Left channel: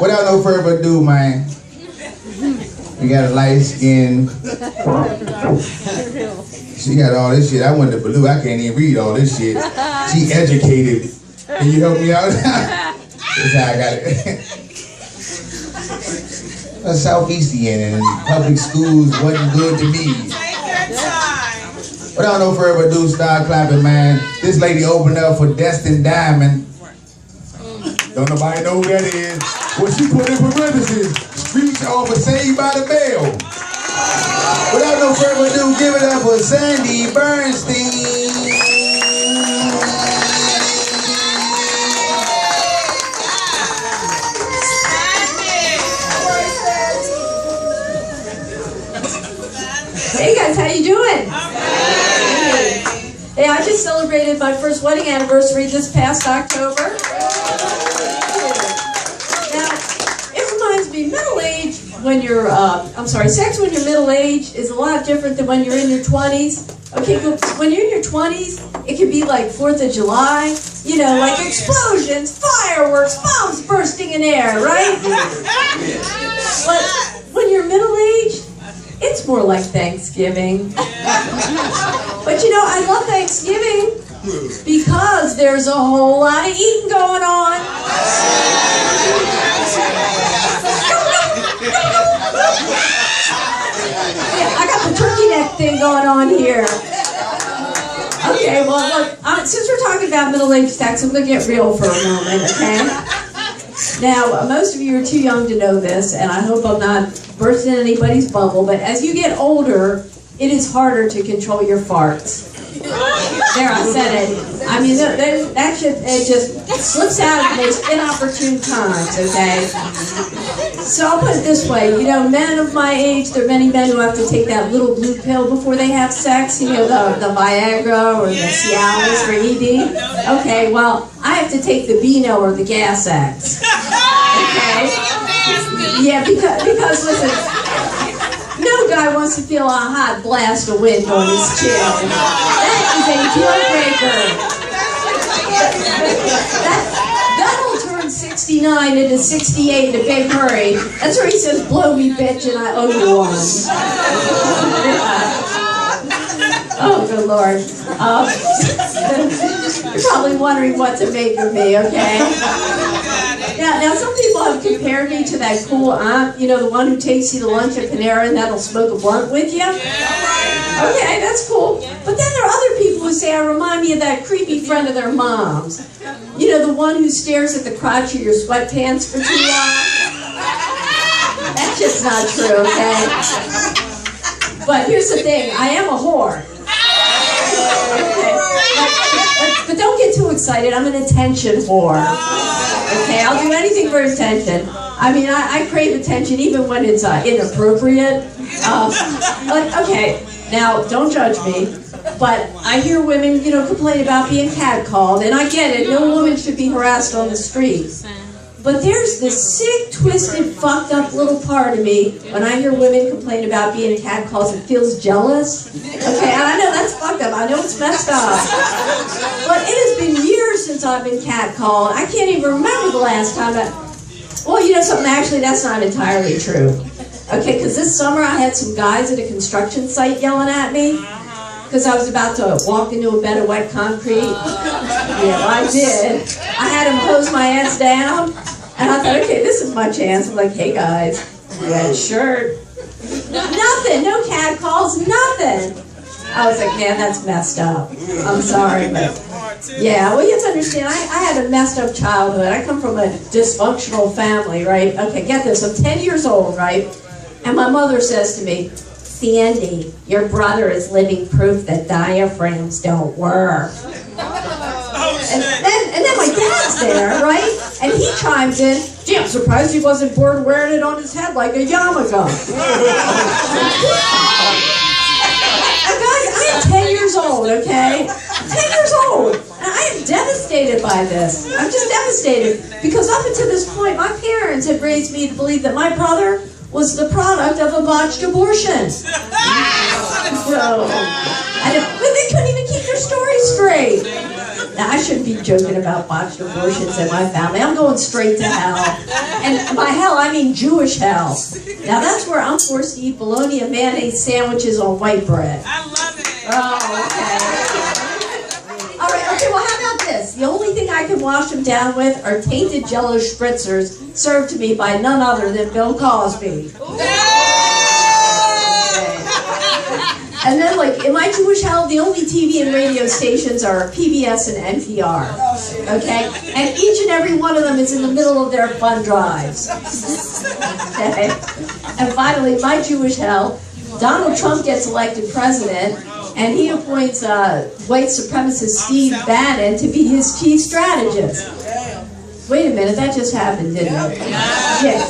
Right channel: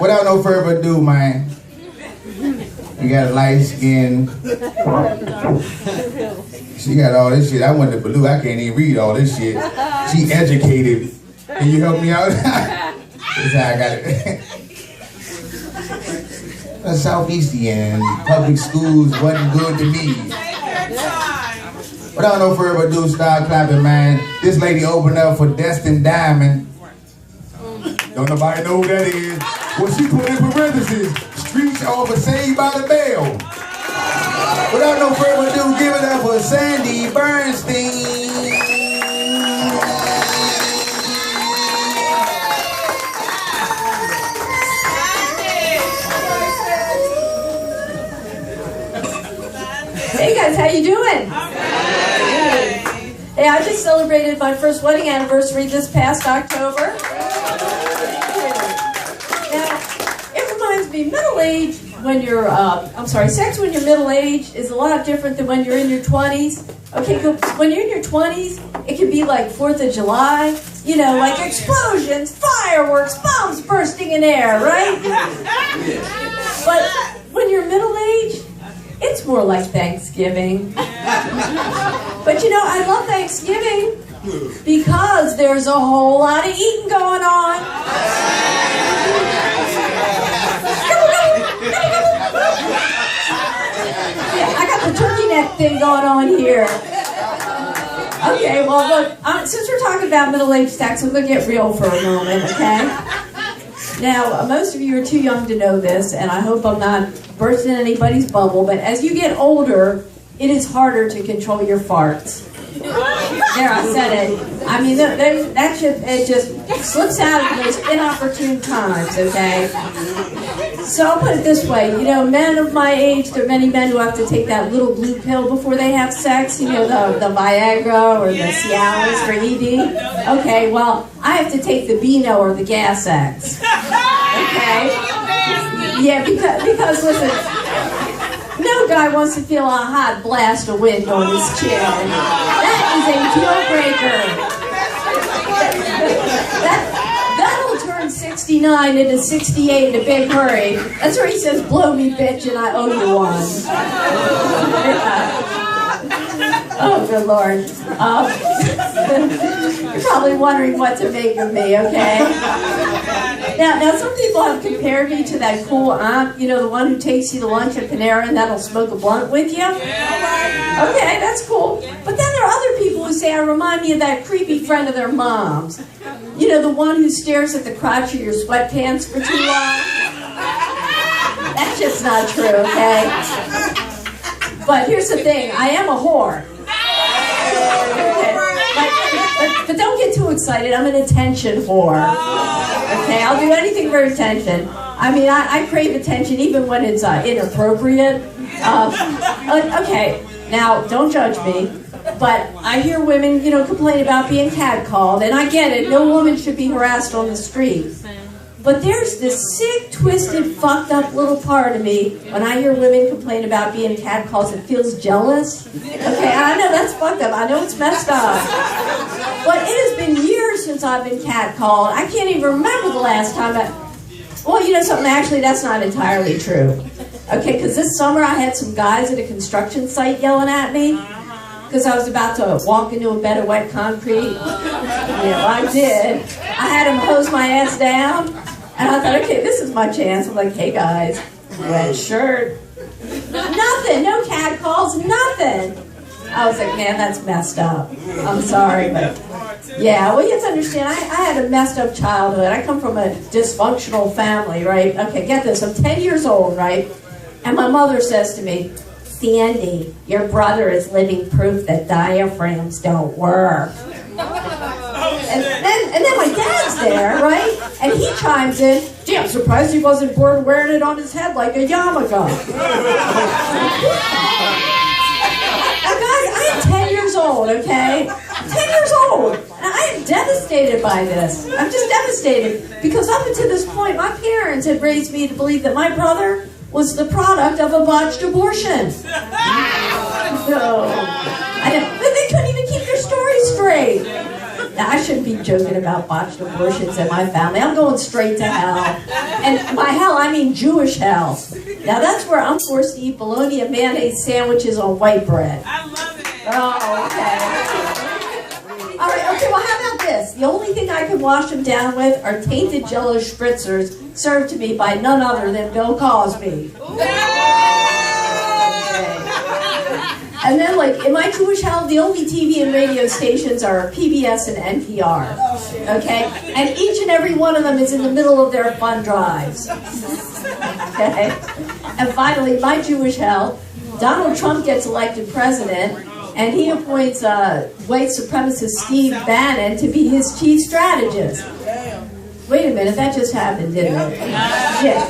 Without no further ado, man, you got a light skin. She got all this shit. I went to Blue. I can't even read all this shit. She educated. Can you help me out? That's how I got it. A Southeastian public schools wasn't good to me. Without no further ado, start clapping, man. This lady opened up for Destined Diamond. Don't nobody know who that is. Well, she put in parentheses, streets over Saved by the Bell. Without no further ado, give it up for Sandy Bernstein. Hey guys, how you doing? Hey, I just celebrated my first wedding anniversary this past October. Now, it reminds me, middle age when you're, sex when you're middle aged is a lot different than when you're in your 20s. Okay, when you're in your 20s, it can be like 4th of July, you know, like explosions, fireworks, bombs bursting in air, right? But when you're middle aged, it's more like Thanksgiving. But you know, I love Thanksgiving because there's a whole lot of eating going on. Yeah, I got the turkey neck thing going on here. Okay, well look, since we're talking about middle-aged sex, I'm going to get real for a moment, okay? Now, most of you are too young to know this, and I hope I'm not bursting anybody's bubble, but as you get older, it is harder to control your farts. There, I said it. I mean, that shit, it just slips out at the most inopportune times, okay? So I'll put it this way, you know, men of my age, there are many men who have to take that little blue pill before they have sex, you know, the Viagra or the Cialis for ED. Okay, well, I have to take the Beano or the Gas X. Okay? Yeah, because listen, no guy wants to feel a hot blast of wind on his chin. That is a deal breaker. That'll turn 69 into 68 in a big hurry. That's where he says, blow me, bitch, and I owe you one. Oh, good Lord. You're probably wondering what to make of me, okay? Now, some people have compared me to that cool aunt, you know, the one who takes you to lunch at Panera and that'll smoke a blunt with you. Okay, that's cool. But then there are other people who say I remind me of that creepy friend of their mom's. You know, the one who stares at the crotch of your sweatpants for too long. That's just not true, okay? But here's the thing, I am a whore. But don't get too excited, I'm an attention whore. Okay, I'll do anything for attention. I mean, I crave attention even when it's inappropriate. Okay, now, don't judge me, but I hear women, you know, complain about being catcalled, and I get it, no woman should be harassed on the street. But there's this sick, twisted, fucked up little part of me when I hear women complain about being catcalled, it feels jealous. Okay, I know that's fucked up, I know it's messed up. But it has been years since I've been catcalled. I can't even remember the last time well, you know something, actually that's not entirely true. Okay, because this summer I had some guys at a construction site yelling at me because I was about to walk into a bed of wet concrete. Yeah, I did. I had him hose my ass down, and I thought, okay, this is my chance. I'm like, hey guys, red shirt. Nothing, no cat calls, nothing. I was like, man, that's messed up. I'm sorry, but yeah, well, you have to understand, I had a messed up childhood. I come from a dysfunctional family, right? Okay, get this, I'm 10 years old, right? And my mother says to me, Sandy, your brother is living proof that diaphragms don't work. And then my dad's there, right? And he chimes in, gee, I'm surprised he wasn't born wearing it on his head like a yarmulke. Now, guys, I am 10 years old, okay? 10 years old. And I am devastated by this. I'm just devastated. Because up until this point, my parents had raised me to believe that my brother was the product of a botched abortion. So, but they couldn't even keep their story straight. Now, I shouldn't be joking about botched abortions in my family. I'm going straight to hell. And by hell, I mean Jewish hell. Now that's where I'm forced to eat bologna and mayonnaise sandwiches on white bread. I love it. Oh, okay. All right, okay, well, how about this? The only thing I can wash them down with are tainted Jell-O spritzers served to me by none other than Bill Cosby. And then, like, in my Jewish hell, the only TV and radio stations are PBS and NPR. Okay? And each and every one of them is in the middle of their fun drives. Okay? And finally, my Jewish hell, Donald Trump gets elected president, and he appoints white supremacist Steve Bannon to be his chief strategist. Wait a minute, that just happened, didn't it? Yeah.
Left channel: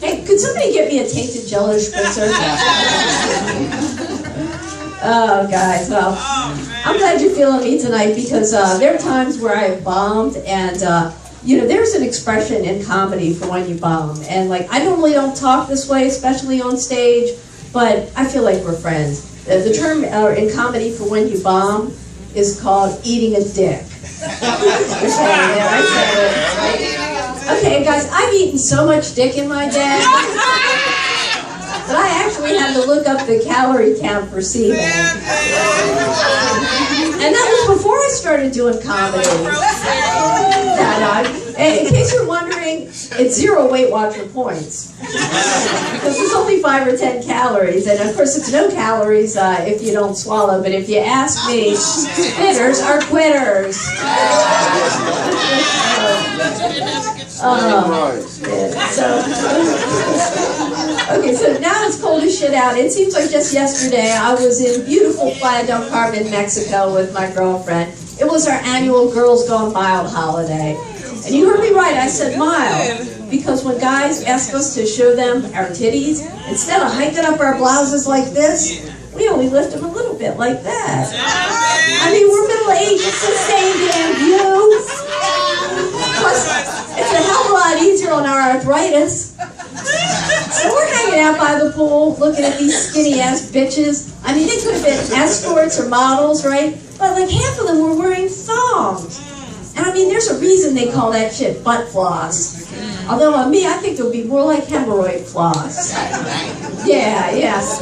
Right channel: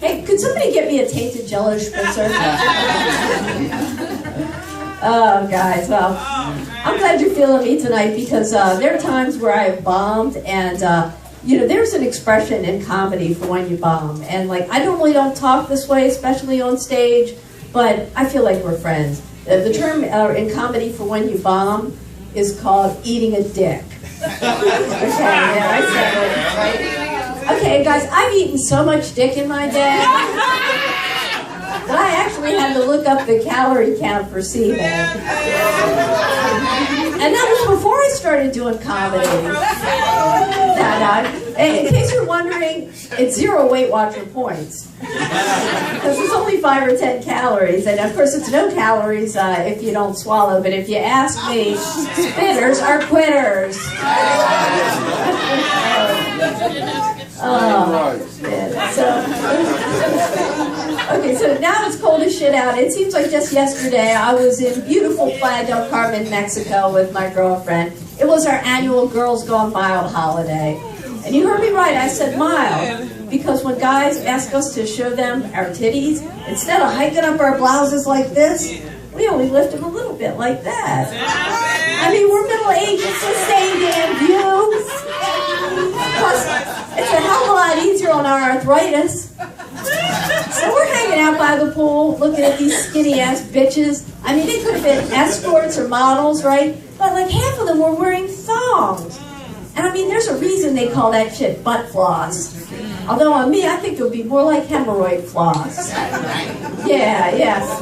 Hey, could somebody get me a tainted Jell-O spritzer? Oh, guys, well, I'm glad you're feeling me tonight because there are times where I have bombed, and you know, there's an expression in comedy for when you bomb, and like I normally don't talk this way, especially on stage, but I feel like we're friends. The term in comedy for when you bomb is called eating a dick. Okay, I said it, right? Okay, guys, I've eaten so much dick in my day that I actually had to look up the calorie count for semen. And that was before I started doing comedy. In case you're wondering, it's 0 Weight Watcher points. Because there's only 5 or 10 calories. And of course, it's no calories if you don't swallow. But if you ask me, spinners are quitters. Okay, so now it's cold as shit out. It seems like just yesterday I was in beautiful Playa del Carmen, Mexico with my girlfriend. It was our annual Girls Gone Mild holiday. And you heard me right, I said mild. Because when guys ask us to show them our titties, instead of hiking up our blouses like this, we only lift them a little bit like that. I mean, we're middle-aged, it's the same damn view. Plus, it's a hell of a lot easier on our arthritis. So we're hanging out by the pool, looking at these skinny-ass bitches. I mean, they could have been escorts or models, right? But like half of them were wearing thongs. And I mean, there's a reason they call that shit butt floss. Although on me, I think it would be more like hemorrhoid floss. Yeah.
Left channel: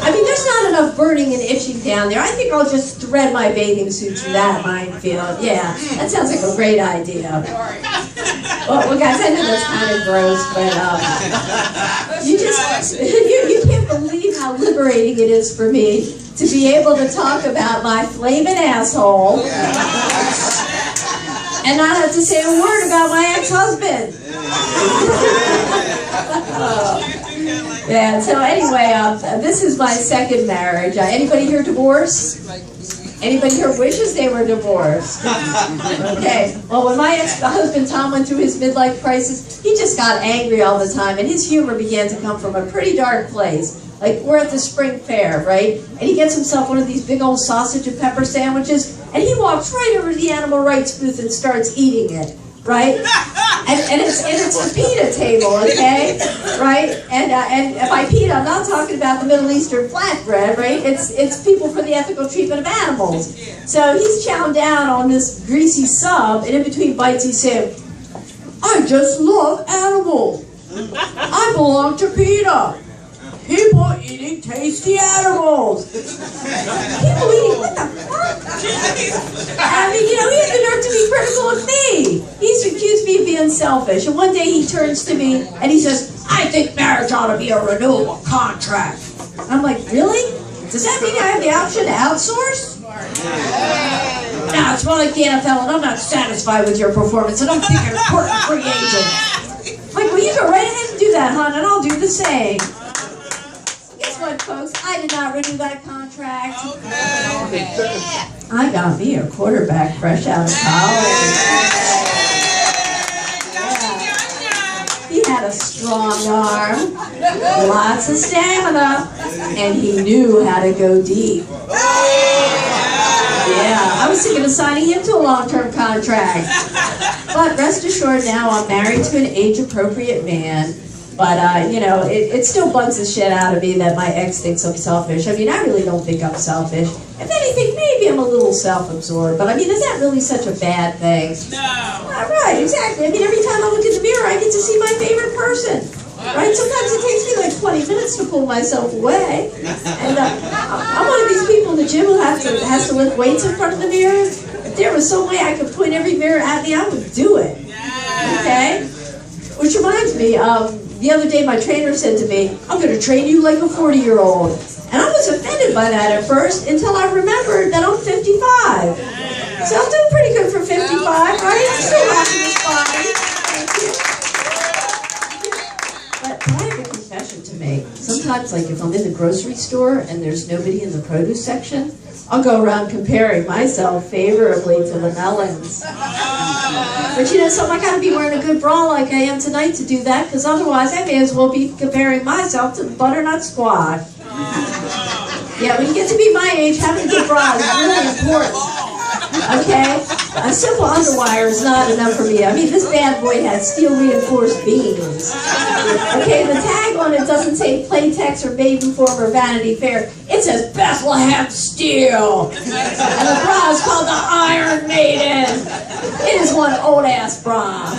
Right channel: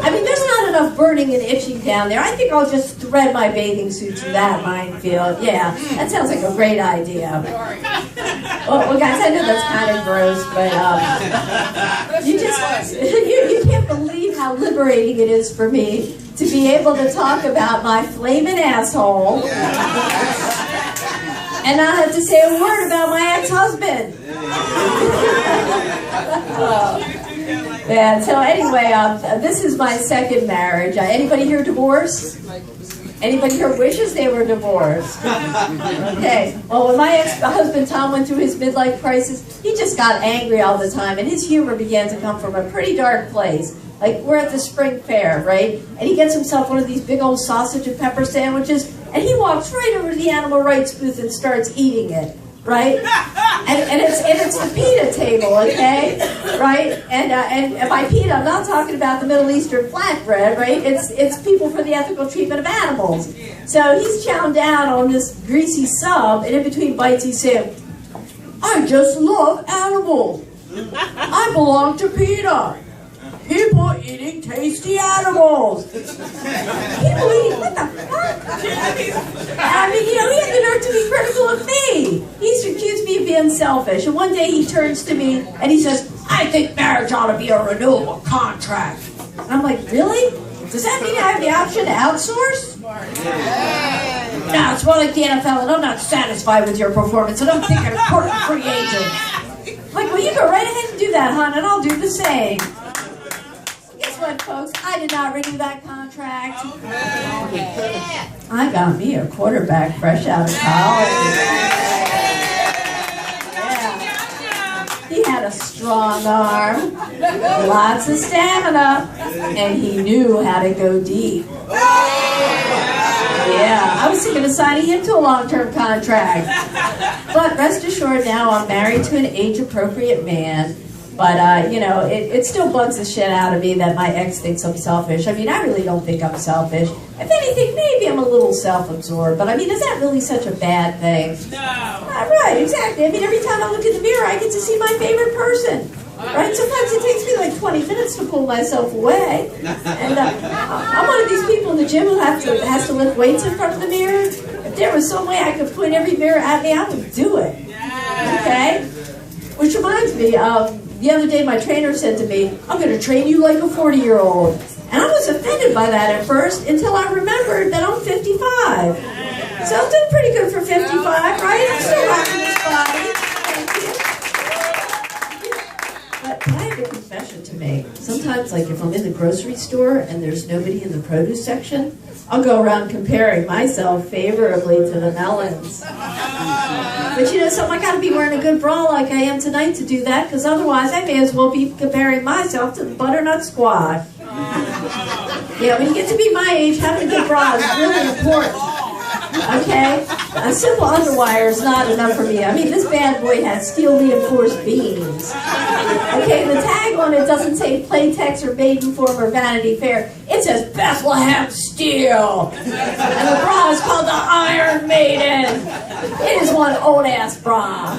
I mean, there's not enough burning and itching down there. I think I'll just thread my bathing suit through that minefield. Yeah, that sounds like a great idea. Well, guys, I know that's kind of gross, but you can't believe how liberating it is for me to be able to talk about my flaming asshole and not have to say a word about my ex-husband. Yeah, so anyway, this is my second marriage. Anybody here divorced? Anybody here wishes they were divorced? Okay, well, when my ex-husband Tom went through his midlife crisis, he just got angry all the time, and his humor began to come from a pretty dark place. Like, we're at the spring fair, right? And he gets himself one of these big old sausage and pepper sandwiches, and he walks right over to the animal rights booth and starts eating it, right? And it's the PETA table, okay? Right? And by PETA, I'm not talking about the Middle Eastern flatbread, right? It's people for the ethical treatment of animals. So he's chowing down on this greasy sub, and in between bites he said, "I just love animals. I belong to PETA. People eating tasty animals." People eating, what the fuck? I mean, you know, he had the nerve to be critical of me. He's accused me of being selfish. And one day he turns to me and he says, "I think marriage ought to be a renewable contract." And I'm like, really? Does that mean I have the option to outsource? No, it's more like the NFL, and I'm not satisfied with your performance, and I'm thinking of courting free agents. Like, well, you go right ahead and do that, hon, and I'll do the same. Guess what, folks? I did not renew that contract. I got me a quarterback fresh out of college. Yeah. He had a strong arm, lots of stamina, and he knew how to go deep. Yeah, I was thinking of signing him to a long-term contract. But rest assured now I'm married to an age-appropriate man. But, you know, it still bugs the shit out of me that my ex thinks I'm selfish. I mean, I really don't think I'm selfish. If anything, maybe I'm a little self-absorbed. But, I mean, is that really such a bad thing? No. Right, exactly. I mean, every time I look in the mirror, I get to see my favorite person. pull myself away. And I'm one of these people in the gym who has to lift weights in front of the mirror. If there was some way I could point every mirror at me, I would do it. Okay? Which reminds me, the other day my trainer said to me, I'm going to train you like a 40-year-old. And I was offended by that at first until I remembered that I'm 55. So I'm doing pretty good for 55, right? I'm still rocking this body. But I have a confession to make. Sometimes, like if I'm in the grocery store and there's nobody in the produce section, I'll go around comparing myself favorably to the melons. But you know something, I gotta be wearing a good bra like I am tonight to do that, because otherwise I may as well be comparing myself to the butternut squad. Yeah, when you get to be my age, having a good bra is really important. Okay? A simple underwire is not enough for me. I mean, this bad boy has steel reinforced beams. Okay, the tag on it doesn't say Playtex or Maidenform or Vanity Fair. It says Bethlehem Steel. And the bra is called the Iron Maiden. It is one old-ass bra.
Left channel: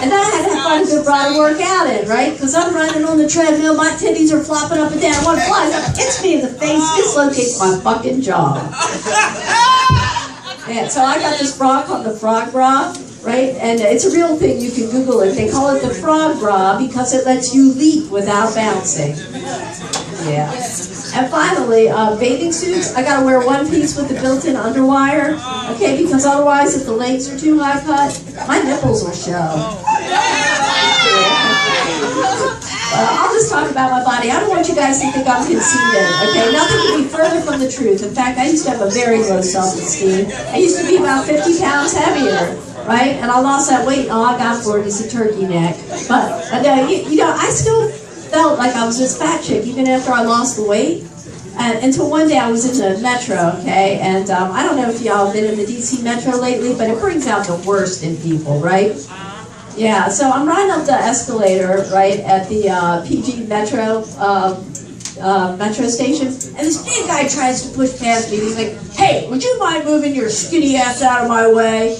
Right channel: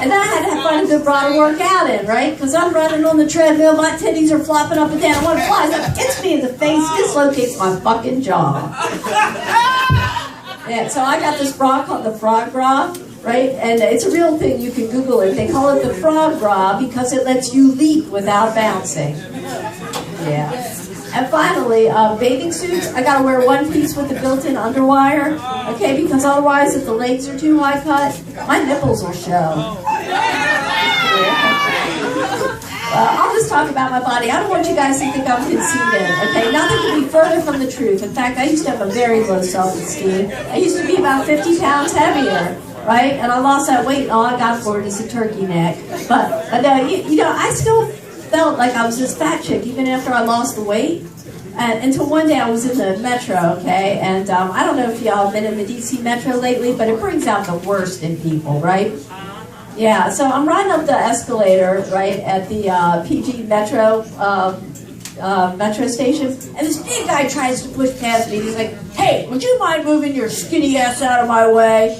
And then I had to find a good bra to work out in, right? Because I'm running on the treadmill, my titties are flopping up and down. One flies up, hits me in the face, dislocates my fucking jaw. Yeah, so I got this bra called the Frog Bra, right? And it's a real thing. You can Google it. They call it the Frog Bra because it lets you leap without bouncing. Yeah. And finally, bathing suits. I gotta wear one piece with the built-in underwire, okay? Because otherwise, if the legs are too high cut, my nipples will show. I'll just talk about my body. I don't want you guys to think I'm conceited, okay? Nothing could be further from the truth. In fact, I used to have a very low self-esteem. I used to be about 50 pounds heavier, right? And I lost that weight, and all I got for it is a turkey neck. But you know, I still felt like I was this fat chick, even after I lost the weight. And until one day I was in the metro, okay? And I don't know if y'all have been in the DC metro lately, but it brings out the worst in people, right? Yeah, so I'm riding up the escalator, right, at the PG Metro metro station, and this big guy tries to push past me. He's like, hey, would you mind moving your skinny ass out of my way?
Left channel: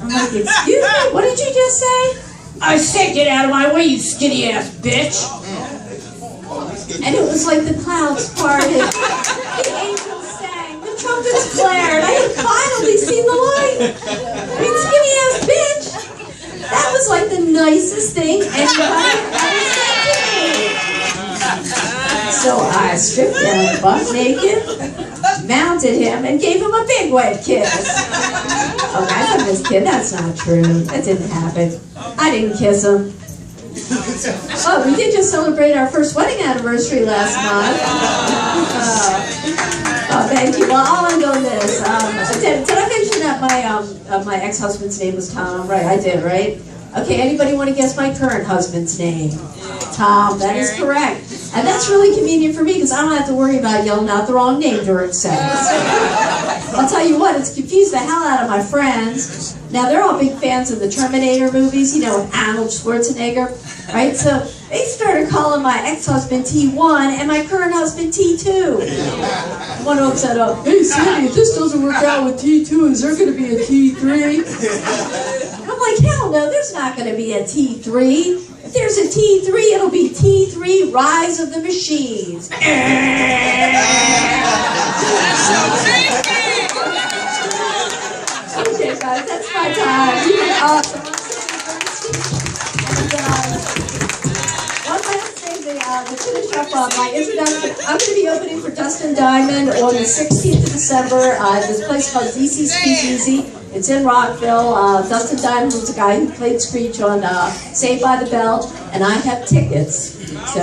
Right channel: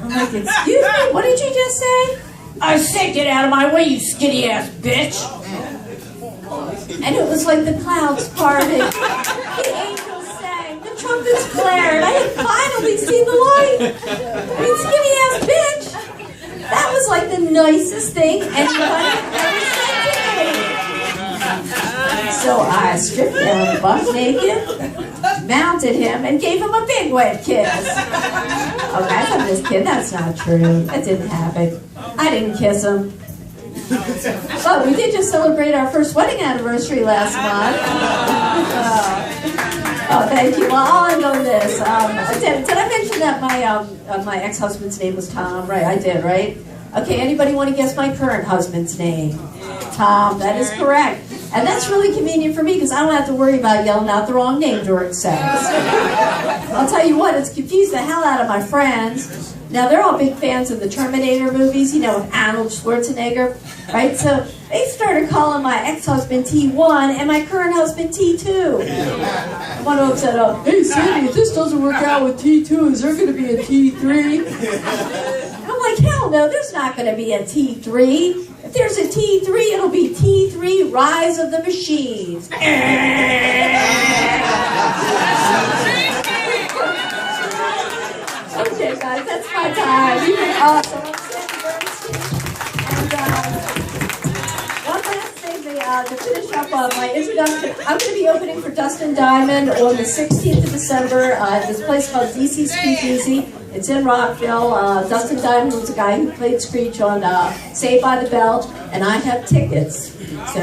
I'm like, excuse me, what did you just say? I said get out of my way, you skinny ass bitch. And it was like the clouds parted, the angels sang, the trumpets blared, I had finally seen the light. I mean, skinny ass bitch. That was like the nicest thing anybody ever said to me. So I stripped down butt naked, mounted him, and gave him a big wet kiss. Okay, I'm just kidding. That's not true. That didn't happen. I didn't kiss him. But we did just celebrate our first wedding anniversary last month. Oh, thank you. Well, all I know this. Did I mention that my ex-husband's name was Tom? Right, I did, right? Okay, anybody want to guess my current husband's name? Tom, that is correct. And that's really convenient for me because I don't have to worry about yelling out the wrong name during sex. I'll tell you what, it's confused the hell out of my friends. Now, they're all big fans of the Terminator movies, you know, with Arnold Schwarzenegger, right? So they started calling my ex-husband T1 and my current husband T2. One of them said, hey, Sandy, if this doesn't work out with T2, is there going to be a T3? I'm like, hell no, there's not going to be a T3. If there's a T3, it'll be T3 Rise of the Machines. Okay, guys, that's my time. You've been awesome. I'm Sandy Bernstein. And one last thing to finish up my introduction, I'm going to be opening for Dustin Diamond on the 16th of December at this place called DC Speakeasy. It's in Rockville. Dustin Diamond was the guy who played Screech on Saved by the Bell, and I have tickets. So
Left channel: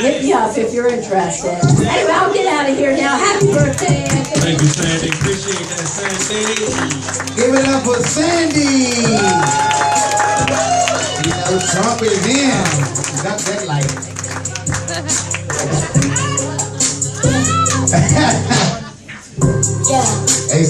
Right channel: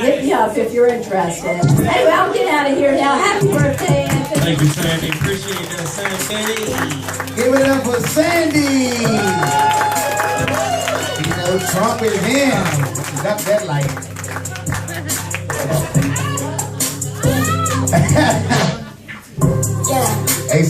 hit me up if you're interested. Anyway, I'll get out of here now. Happy birthday, Anthony. Thank you, Sandy. Appreciate that, Sandy. Give it up for Sandy. You know, Trump is in. He's up that light.